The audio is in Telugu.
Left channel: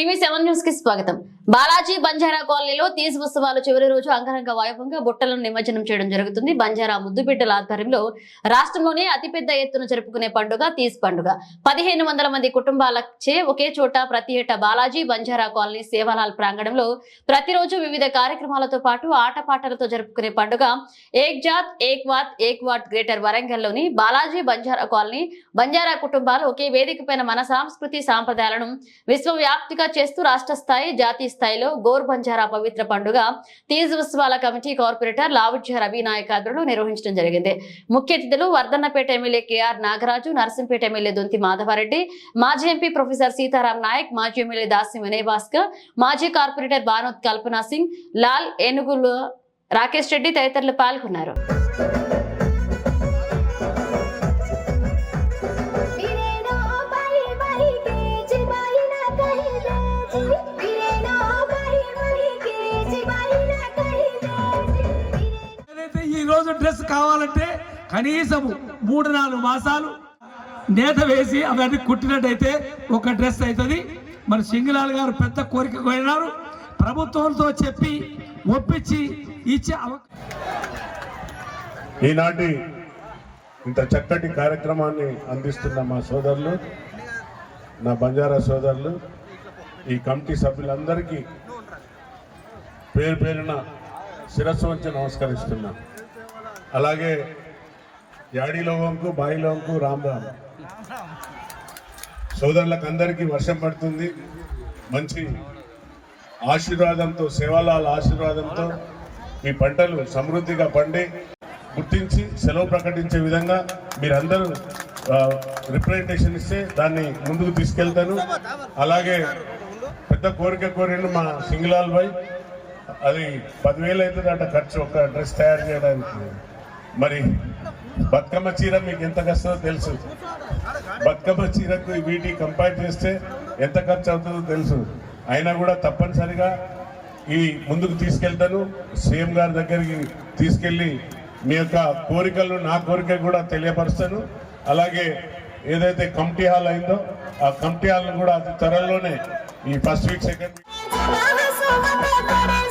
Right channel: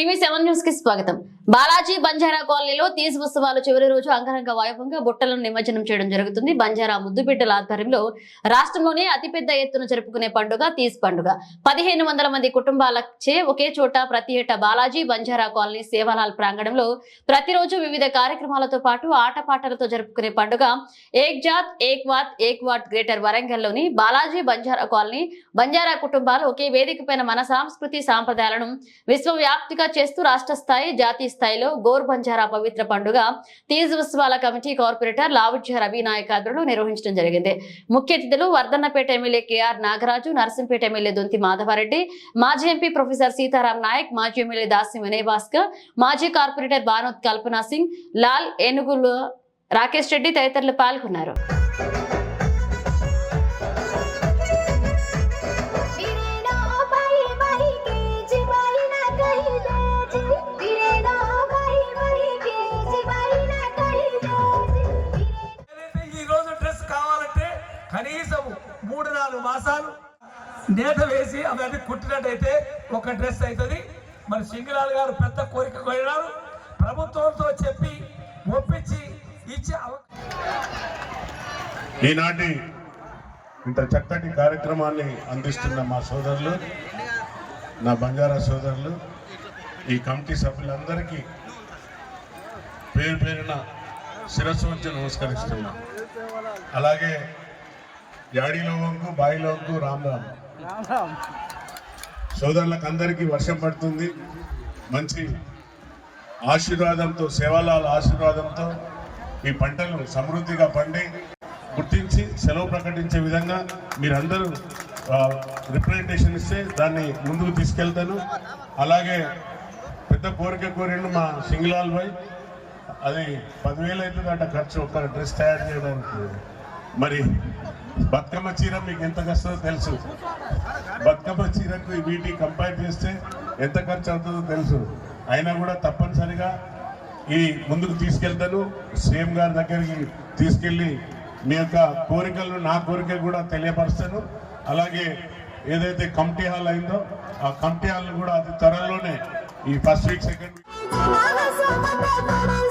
టీవీ సెవెన్ న్యూస్కి స్వాగతం. బాలాజీ బంజారా కాలనీలో తీజ్ ఉత్సవాలు చివరి రోజు అంగరంగ వైభవంగా బుట్టలను నిమజ్జనం చేయడం జరుగుతుంది. బంజారా ముద్దుబిడ్డల ఆధ్వర్యంలో రాష్ట్రంలోనే అతిపెద్ద ఎత్తున జరుపుకునే పండుగ తీజ్ పండుగ. పదిహేను వందల మంది కుటుంబాలచే ఒకే చోట ప్రతి ఏటా బాలాజీ బంజారా కాలనీ సేవాలాల్ ప్రాంగణంలో ప్రతిరోజు వివిధ కార్యక్రమాలతో పాటు ఆటపాటలతో జరుపుకునే పండుగ ఏక్ జాత్ ఏక్ వాత్ ఏక్ వాట్ గ్రేటర్ వరంగల్లోని బాలాజీ బంజారా కాలనీ బంజారా కుటుంబాలు ఒకే వేదిక పైన మన సాంస్కృతి సాంప్రదాయాలను విశ్వవ్యాప్తిగా చేస్తూ రాష్ట్ర స్థాయి జాతీయ స్థాయిలో గోర్ బంజారా పవిత్ర పండుగ తీజ్ ఉత్సవాల కమిటీ కార్పొరేటర్ లావుజ్య రవి నాయక్ ఆధ్వర్యంలో నిర్వహించడం జరిగింది. ముఖ్య అతిథులు Wardhannapet MLA KR Nagaraju Narsampet MLA Donthi Madhavareddy మాజీ ఎంపీ ప్రొఫెసర్ సీతారాం నాయక్ మాజీ ఎమ్మెల్యే దాసి వినయ్ భాస్కర్ మాజీ కార్పొరేటర్ భానోత్ కల్పనా సింగ్ లాల్ ఏనుగులు రాకేష్ రెడ్డి తదితరులు పాల్గొన్నారు. ఏదైతే డ్రెస్ కావాలంటే కనీసం మూడు నాలుగు మాసాలు నేత వేసి అవన్నీ కుట్టినట్టయితే ఒక డ్రెస్ అవుతుంది. మరి సింగిలాల్ గారు పెద్ద కోరిక కోరినారు. ప్రభుత్వంతో చెప్పి ఒప్పించి ఇచ్చే అవకాశం ఈనాటి ఇంత చక్కటి కార్యక్రమాన్ని అందిస్తున్న మా సోదరులు నా బంజారా సోదరులు ఈ కమిటీ సభ్యులందరికీ పేరు పేరున శిరస్సు వంచి నమస్కరిస్తున్నాను అలాగే యాడిలో వంకు బాయిలో వంకు రామ్ రామ్ సోదరులకు అందరికీ వర్షం పడుతుంది. మంచి ఆశీర్వాదంతో సేవలాల ఆశీర్వాదంతో మీ పంటలు సమృద్ధిగా పండి గుర్తించి సెలవు ప్రకటించే విధంగా మీరందరూ రిప్రజెంటేషన్ ఇస్తే దాన్ని ముందుకు తీసుకెళ్తాను. అలాగే పెద్ద కోరిక కోరిండు మా సింగ్లాల్ భాయ్ అది పదివేలు అవుతుందంట ఖర్చు ఒక డ్రెస్ తయారు చేయడానికి. మరి బతుకమ్మ చీర మీకు ఎంత కష్టమో తెలుసు. బతుకమ్మ చీరకు వీటికి కంపేర్ చేస్తే ఎంత ఖర్చు అవుతుందో తెలుసు. అయినా కూడా తప్పనిసరిగా ఈ ముందుకు తీసుకెళ్తాను. సీఎం గారి దగ్గరికి తీసుకెళ్ళి మీ యొక్క కోరికలు నా కోరిక కూడా తెలియపరుస్తాను. అలాగే ఏదైతే కమిటీ హాల్ అయిందో ఆ కమిటీ హాల్ను కూడా అతి త్వరలోనే ఈ ఫస్ట్ వీక్ సెకండ్ వీక్